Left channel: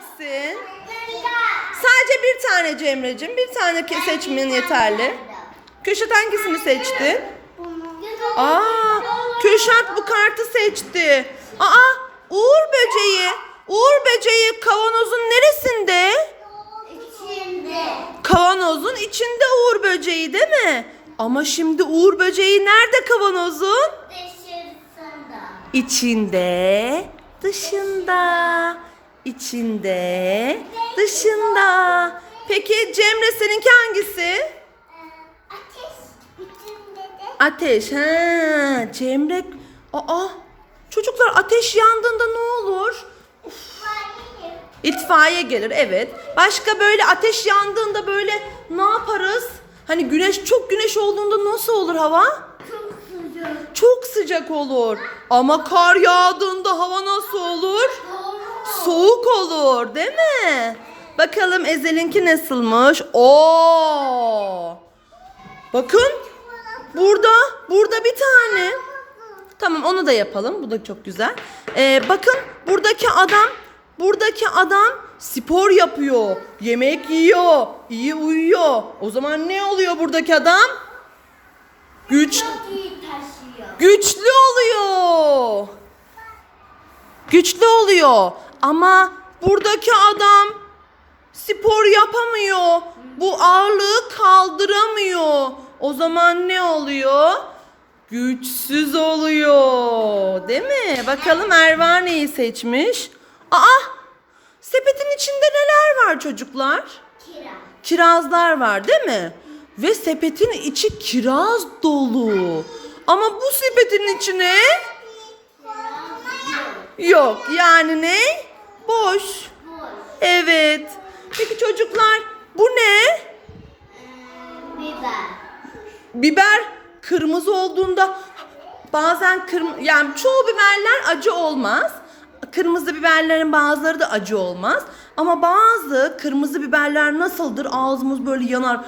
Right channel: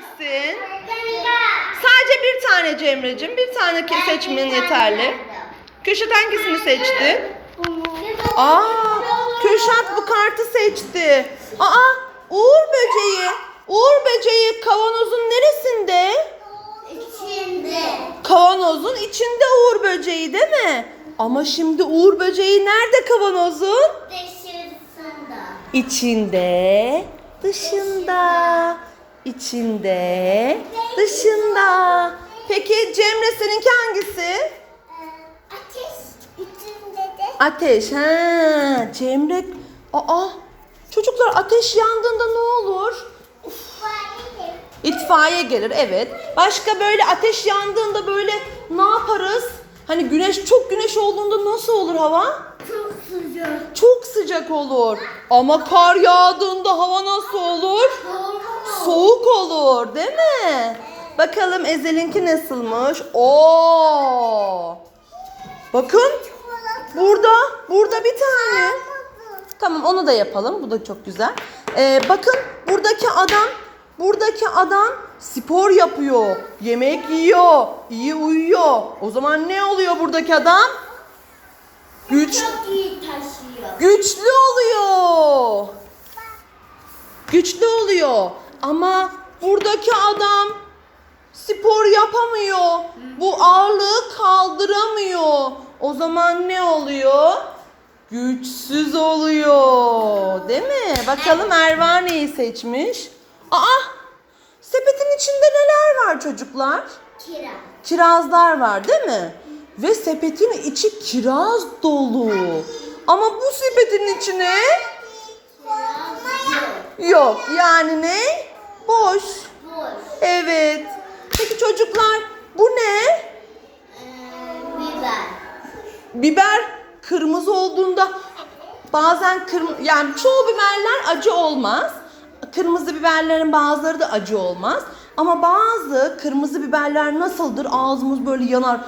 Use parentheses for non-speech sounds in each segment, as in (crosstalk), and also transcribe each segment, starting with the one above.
seçsin. Sadece bir tane Cemre'cim. Bir tane seçmen yeterli. Kürşat hangisini seçti? Aa, Kürşat bu kartı seçti. Aa, Uğur böceği. Uğur böceği kavanozun neresinde? İçinde. Kavanozun içinde Uğur böceği değil mi? Ama şimdi Uğur böceği nerede kavanozun? Dışarısında. İçinde, dışında, içinde, dışında. Peki Cemre seninki hangisi? Ateş içinde de. Ateş. Ha, Cemre. Aa, çocuklar ateş yandığında ne olur? İtfaiye. Gelir evet. Başka böyle ateş yandığında böyle ne yaparız? Hani güneş çok güneş olduğunda nasıl olur hava? Çok sıcak. Çok sıcak olur. Ama kar yağdığında hava nasıl olur? Soğuk olur, değil mi? Bakalım Ezel'inki nasılmış? Oo! Bakın burada, burada bir tane. Tamam onu da yapalım. Bu da çok güzel. Ee, bakın buradaki adam, buradaki adam spor yapıyor. Yemek yiyor. iyi uyuyor. O zaman ne oluyor buradaki adam? Güç, güçlü oluyor. Güçlü oluyor. Ama buradaki adam spor yapamıyor. Bu ağırlığı kaldıramıyor. O zaman ne oluyor? Güçsüz oluyor. Değil mi? Bakalım Erva neyi seçmiş? Aa! Sepetin içinde neler var çocuklar? Kira. Kirazlar var değil mi? Ve sepetin içi kiraz dolu. Ama bu sepetin içine yok. Yani ne? Boş. Boş. Evet. Peki çocuklar bu ne? Ee, biber. Biber kırmızı olduğunda bazen kırm yani çoğu biberler acı olmaz. Kırmızı biberlerin bazıları da acı olmaz. Ama bazı kırmızı biberler nasıldır? Ağzımız böyle yanar.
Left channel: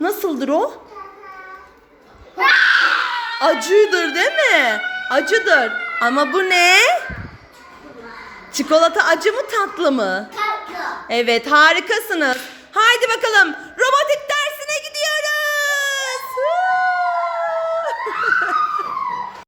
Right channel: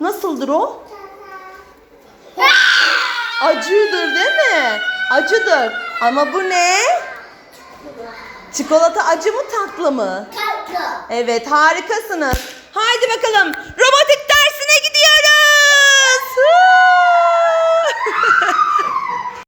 Nasıldır o? (laughs) Acıdır değil mi? Acıdır. Ama bu ne? Çikolata acı mı tatlı mı? Tatlı. Evet harikasınız. Haydi bakalım. Robotik